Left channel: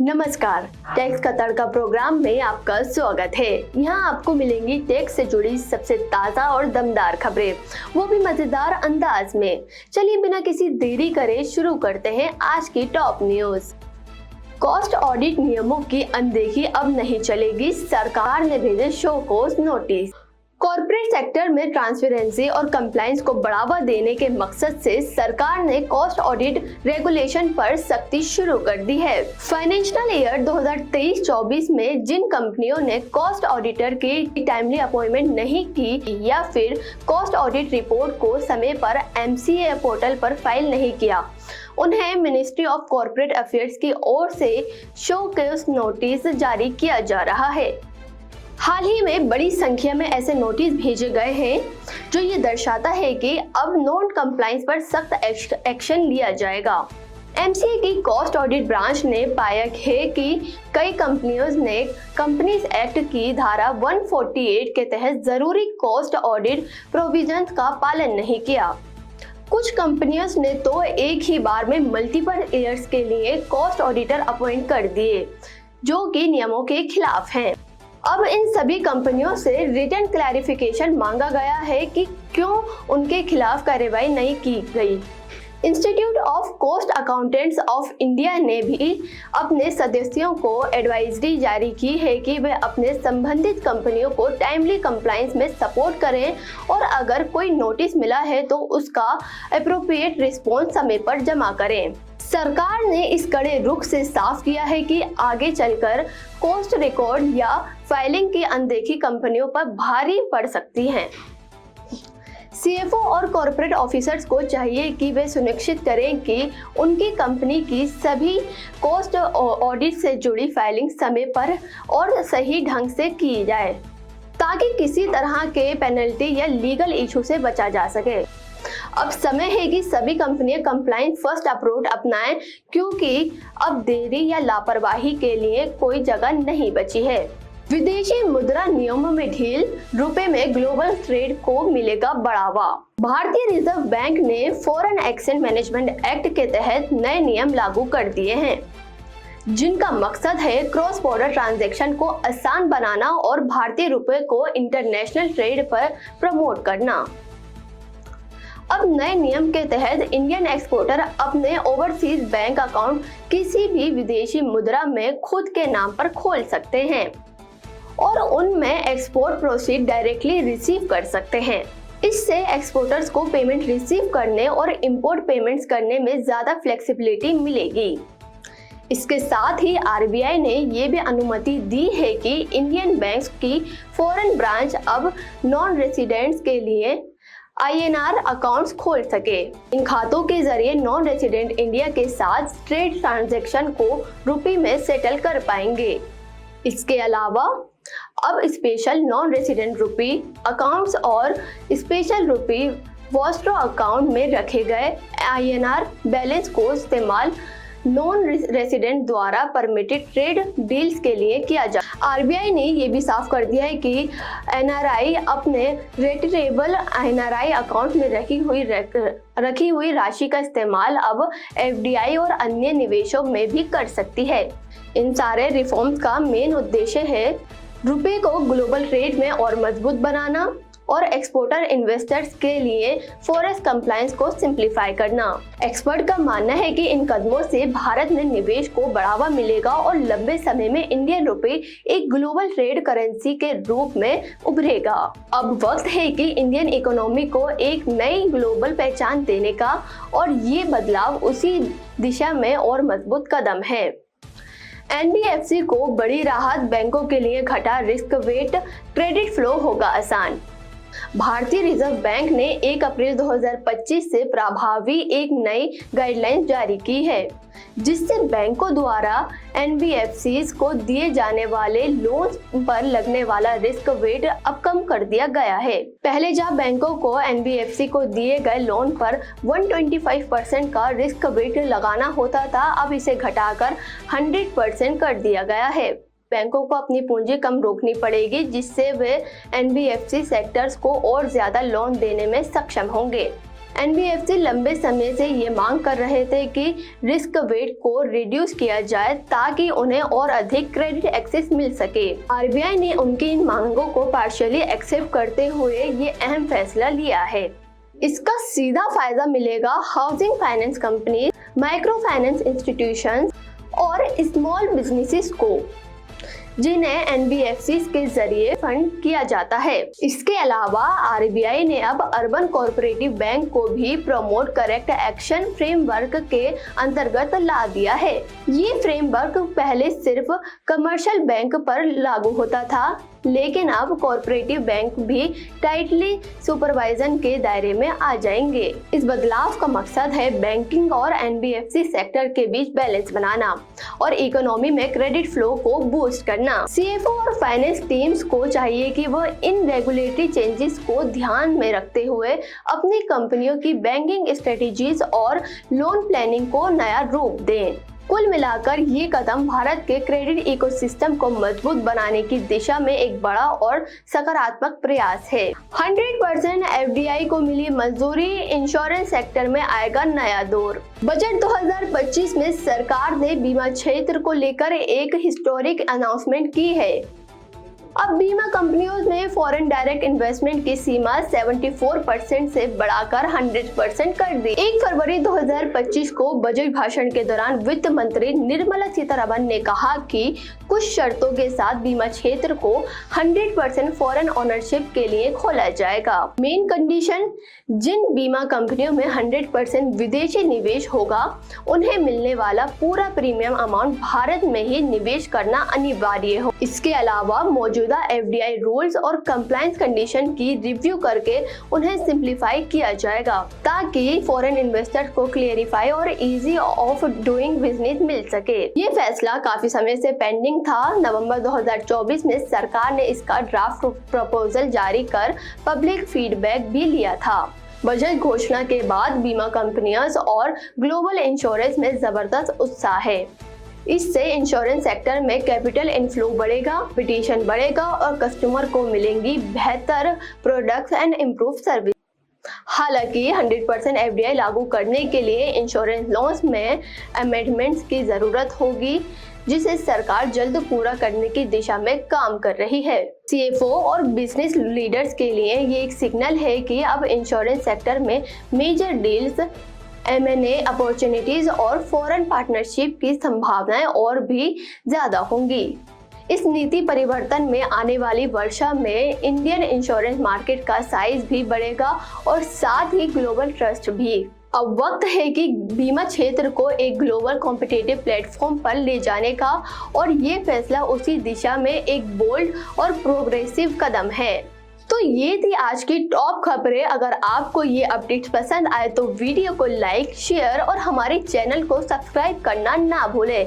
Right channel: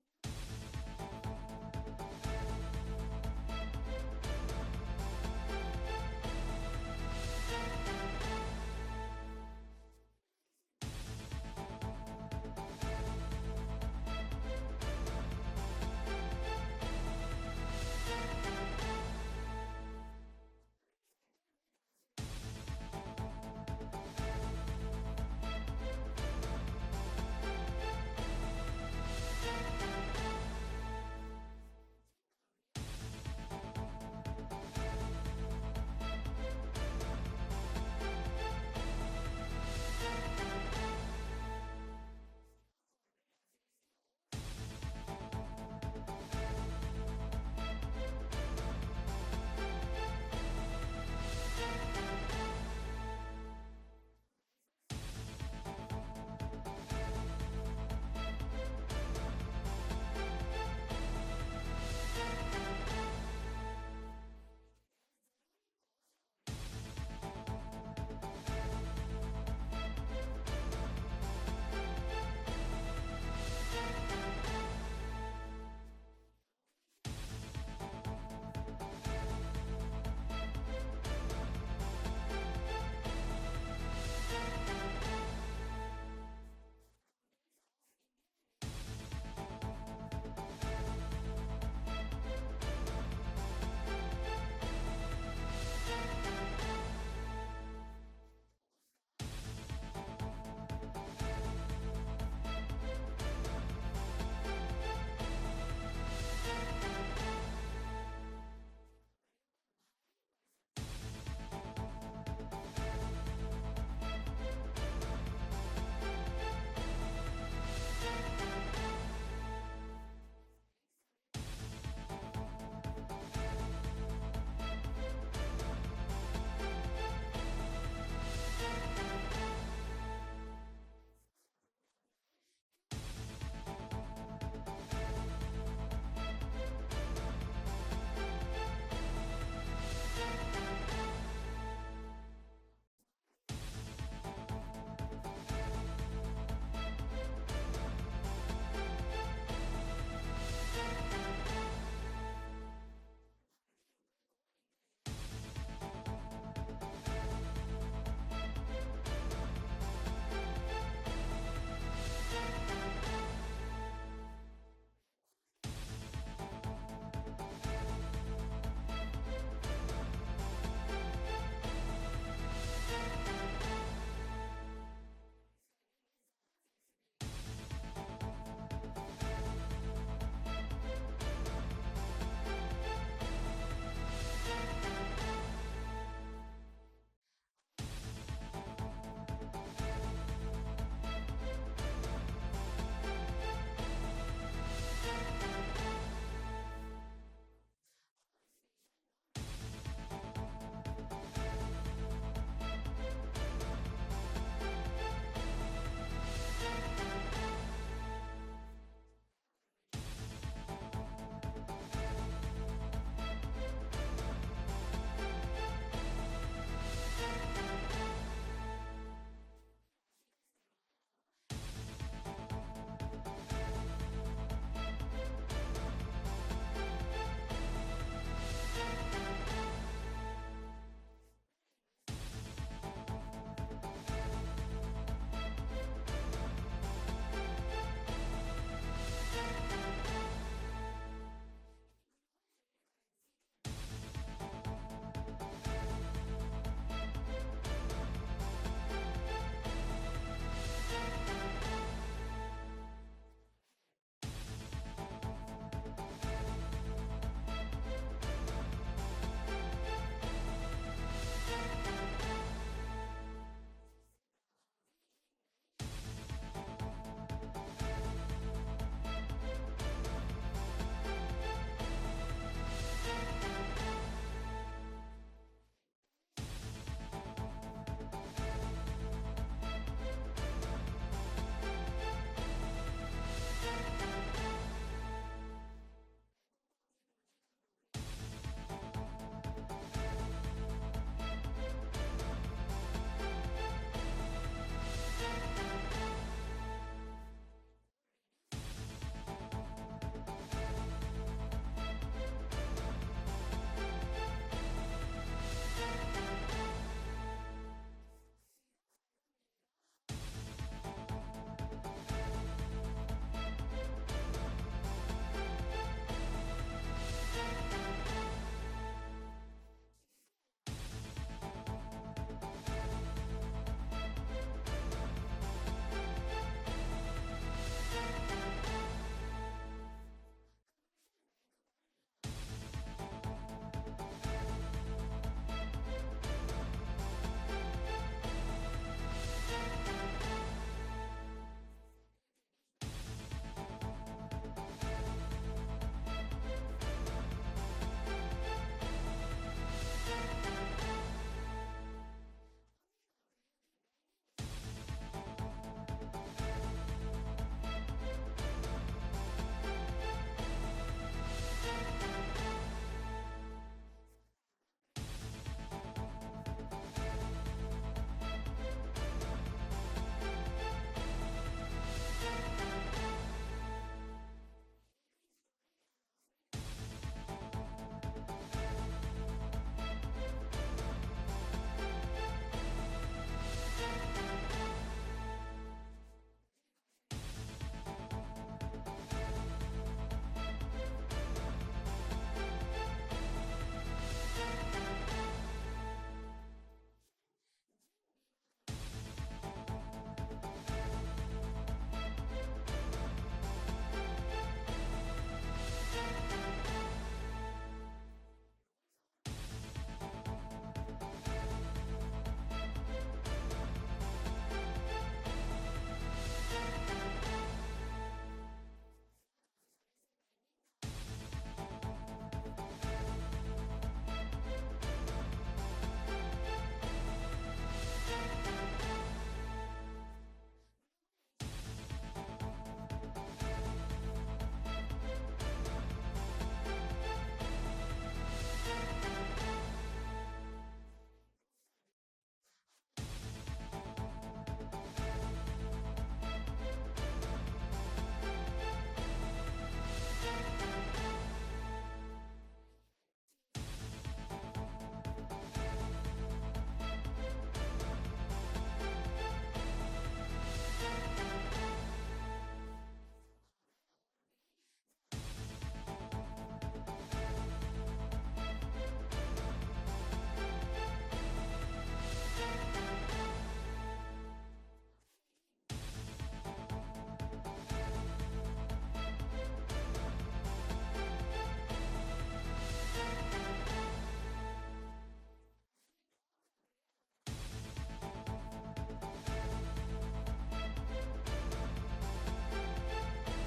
नमस्कार, टैक्स का तड़का प्रोग्राम में आपका स्वागत है। यहाँ आपको मिलेंगी टैक्स से जुड़ी सबसे ताज़ा और दमदार खबरें, वो भी मजेदार अंदाज में। चलिए बिना किसी देरी करे शुरू करते हैं आज की टॉप न्यूज। कॉस्ट ऑडिट नियमों की अनदेखी अब नहीं चलेगी, सरकार ने भेजे show cause notice. Corporate sector में ट्रांसपेरेंसी और कंप्लायंस को बढ़ावा देने के मकसद से सरकार ने कॉस्ट ऑडिट रेगुलेशन पर सख्ती शुरू कर दी है। फाइनेंशियल ईयर 2023-24 में जिन कंपनियों ने कॉस्ट ऑडिटर की टाइमली अपॉइंटमेंट नहीं की या फिर कॉस्ट ऑडिट रिपोर्ट को समय पर MCA पोर्टल पर फाइल नहीं किया, उन्हें मिनिस्ट्री ऑफ कॉर्पोरेट अफेयर्स की ओर से शो कॉज नोटिस जारी किया जा रहा है। हाल ही में बड़ी संख्या में ऐसे नोटिस भेजे गए हैं जो ये दर्शाता है कि अब नॉन कंप्लायंस पर सख्त एक्शन लिया जाएगा। MCA की कॉस्ट ऑडिट ब्रांच ने पाया है कि कई कंपनियों ने कंपनीज एक्ट की धारा 148 के तहत जरूरी कॉस्ट ऑडिट प्रोविजंस का पालन नहीं किया। कुछ कंपनियों ने तो एक ही बार में मल्टीपल ईयर्स के लिए कॉस्ट ऑडिटर अपॉइंट कर दिए, जो कि नियमों के खिलाफ हैं। अब इन सभी कंपनियों से रिटन क्लैरिफिकेशन मांगा गया है कि क्यों उनके खिलाफ कार्रवाई नहीं की गई। Institute of cost accountants of India ने भी अपने सदस्यों को एडवाइजरी जारी की है कि वे अपने संबंधित कंपनियों को टाइमली कंप्लायंस में सपोर्ट करें और अगर कोई नोटिस मिला है तो उसका एप्रोप्रिएट रिस्पॉन्स समय पर जमा करें। सरकार ने इस कड़े रुख से साफ किया है कि आगे चलकर कॉस्ट रिकॉर्ड या फाइलिंग की अनदेखी कंपनियों पर भारी पड़ सकती है। CFO और कॉर्पोरेट ऑफिसर्स को चाहिए कि वे सुनिश्चित करें कि उनकी कंपनी की सभी कॉस्ट ऑडिट से जुड़ी फाइलिंग समय पर और सही ढंग से की जाए, ताकि किसी तरह के पेनल्टी या लीगल इशू से बचा जा सके। अब समय है कि सभी कंपनियां कंप्लायंस फर्स्ट अप्रोच अपनाएं, क्योंकि अब देरी या लापरवाही के लिए कोई जगह नहीं बची है। विदेशी मुद्रा नियमों में ढील, रुपए में ग्लोबल ट्रेड को मिलेगा बढ़ावा। भारतीय रिजर्व बैंक ने फॉरेन एक्सचेंज मैनेजमेंट एक्ट के तहत नए नियम लागू कर दिए हैं, जिनका मकसद है क्रॉस बॉर्डर ट्रांजैक्शन को आसान बनाना और भारतीय रुपए को इंटरनेशनल ट्रेड पर प्रमोट करना। अब नए नियम के तहत इंडियन एक्सपोर्टर अपने ओवरसीज बैंक अकाउंट किसी भी विदेशी मुद्रा में खुद के नाम पर खोल सकते हैं और उनमें एक्सपोर्ट प्रोसीड डायरेक्टली रिसीव कर सकते हैं। इससे एक्सपोर्टर्स को पेमेंट रिसीव करने और इंपोर्ट पेमेंट्स करने में ज्यादा फ्लेक्सिबिलिटी मिलेगी। इसके साथ ही RBI ने ये भी अनुमति दी है कि इंडियन बैंक्स की फॉरेन ब्रांच अब नॉन रेसिडेंट्स के लिए INR अकाउंट्स खोल सके। इन खातों के जरिए नॉन रेसिडेंट इंडिया के साथ ट्रेड ट्रांजैक्शन को रुपए में सेटल कर पाएंगे। इसके अलावा अब स्पेशल नॉन रेसिडेंट रुपी अकाउंट्स और स्पेशल रुपी वॉस्ट्रो अकाउंट में रखे गए INR बैलेंस को इस्तेमाल नॉन रेसिडेंट द्वारा परमिटेड ट्रेड डील्स के लिए किया जा। RBI ने ये भी साफ कर दिया है कि NRI अपने रेटिरेबल NRI अकाउंट में रखी हुई राशि का इस्तेमाल अब FDI और अन्य निवेशों में भी कर सकती है। इन सारे रिफॉर्म्स का मेन उद्देश्य है रुपए को ग्लोबल ट्रेड में और मजबूत बनाना और एक्सपोर्टर इन्वेस्टर्स के लिए फॉरेक्स कंप्लायंस को सिंप्लीफाई करना। एक्सपर्ट का मानना है कि इन कदमों से भारत में निवेश को बढ़ावा मिलेगा और लंबे समय में इंडियन रुपए एक ग्लोबल ट्रेड करेंसी के रूप में उभरेगा। अब वक्त है कि इंडियन इकोनॉमी को एक नई ग्लोबल पहचान देने का और ये बदलाव उसी दिशा में और मजबूत कदम है। NBFC को बड़ी राहत, बैंकों के लिए घटा रिस्क वेट, क्रेडिट फ्लो होगा आसान। भारतीय रिजर्व बैंक ने 1 अप्रैल 2025 से प्रभावी एक नई गाइडलाइंस जारी की है, जिससे बैंकों द्वारा NBFCs को दिए जाने वाले लोन पर लगने वाला रिस्क वेट अब कम कर दिया गया है। पहले जहां बैंकों को NBFC को दिए गए लोन पर 125% का रिस्क वेट लगाना होता था, अब इसे घटाकर 100% कर दिया गया है। बैंकों को अपनी पूंजी कम रोकनी पड़ेगी, जिससे वे NBFC सेक्टर्स को और ज्यादा लोन देने में सक्षम होंगे। एनबीएफसी लंबे समय से ये मांग कर रहे थे कि रिस्क वेट को रिड्यूस किया जाए ताकि उन्हें और अधिक क्रेडिट एक्सेस मिल सके। आरबीआई ने उनकी इन मांगों को पार्शियली एक्सेप्ट करते हुए ये अहम फैसला लिया है। इसका सीधा फायदा मिलेगा housing finance company, micro finance institutions और स्मॉल बिजनेसेस को, जिन्हें एनबीएफसी के जरिए फंड किया जाता है। इसके अलावा आरबीआई ने अब अर्बन कोऑपरेटिव बैंक को भी प्रमोट करेक्ट एक्शन फ्रेमवर्क के अंतर्गत ला दिया है। ये फ्रेमवर्क पहले सिर्फ कमर्शियल बैंक पर लागू होता था, लेकिन अब कॉर्पोरेटिव बैंक भी टाइटली सुपरवाइजन के दायरे में आ जाएंगे। इस बदलाव का मकसद है बैंकिंग और एनबीएफसी सेक्टर के बीच बैलेंस बनाना और इकोनॉमी में क्रेडिट फ्लो को बूस्ट करना। सीएफओ और फाइनेंस टीम्स को चाहिए कि वह इन रेगुलेटरी चेंजेस को ध्यान में रखते हुए अपनी कंपनियों की बैंकिंग स्ट्रेटेजीज और लोन प्लानिंग को नया रूप दें। कुल मिलाकर ये कदम भारत के क्रेडिट इकोसिस्टम को मजबूत बनाने की दिशा में एक बड़ा और सकारात्मक प्रयास है। 100% एफडीआई को मिली मंजूरी, इंश्योरेंस सेक्टर में आएगा नया दौर। बजट 2025 में सरकार ने बीमा क्षेत्र को लेकर एक हिस्टोरिक अनाउंसमेंट की है। अब बीमा कंपनियों ने फॉरेन डायरेक्ट इन्वेस्टमेंट की सीमा 74% से बढ़ाकर 100% कर दी। 1 फरवरी 2025 को बजट भाषण के दौरान वित्त मंत्री निर्मला सीतारमण ने कहा कि कुछ शर्तों के साथ बीमा क्षेत्र को 100% फॉरेन ओनरशिप के लिए खोला जाएगा। मेन कंडीशन, जिन बीमा कंपनियों में 100% विदेशी निवेश होगा, उन्हें मिलने वाला पूरा प्रीमियम अमाउंट भारत में ही निवेश करना अनिवार्य हो। इसके अलावा मौजूदा एफडीआई रूल्स और कंप्लायंस कंडीशन की रिव्यू करके उन्हें सिंप्लीफाई किया जाएगा ताकि फॉरेन इन्वेस्टर्स को क्लियरिफाई और इजी ऑफ डूइंग बिजनेस मिल सके। ये फैसला काफी समय से पेंडिंग था। नवंबर 2024 में सरकार ने इसका ड्राफ्ट प्रपोजल जारी कर पब्लिक फीडबैक भी लिया था। बजट घोषणा के बाद बीमा कंपनियां और ग्लोबल इंश्योरेंस में जबरदस्त उत्साह है। इससे इंश्योरेंस सेक्टर में कैपिटल इनफ्लो बढ़ेगा, कंपटीशन बढ़ेगा और कस्टमर को मिलेंगी बेहतर प्रोडक्ट्स एंड इम्प्रूव सर्विस। हालांकि 100% एफडीआई लागू करने के लिए इंश्योरेंस लॉस में अमेंडमेंट्स की जरूरत होगी, जिसे सरकार जल्द पूरा करने की दिशा में काम कर रही है। सीएफओ और बिजनेस लीडर्स के लिए ये एक सिग्नल है कि अब इंश्योरेंस सेक्टर में मेजर डील्स, M&A अपॉर्चुनिटीज और फॉरेन पार्टनरशिप की संभावनाएं और भी ज्यादा होंगी। इस नीति परिवर्तन में आने वाली वर्षा में इंडियन इंश्योरेंस मार्केट का साइज भी बढ़ेगा और साथ ही ग्लोबल ट्रस्ट भी। अब वक्त है कि बीमा क्षेत्र को एक ग्लोबल कॉम्पिटिटिव प्लेटफॉर्म पर ले जाने का, और ये फैसला उसी दिशा में एक बोल्ड और प्रोग्रेसिव कदम है। तो ये थी आज की टॉप खबरें। अगर आपको ये अपडेट्स पसंद आए तो वीडियो को लाइक, शेयर और हमारे चैनल को सब्सक्राइब करना ना भूलें।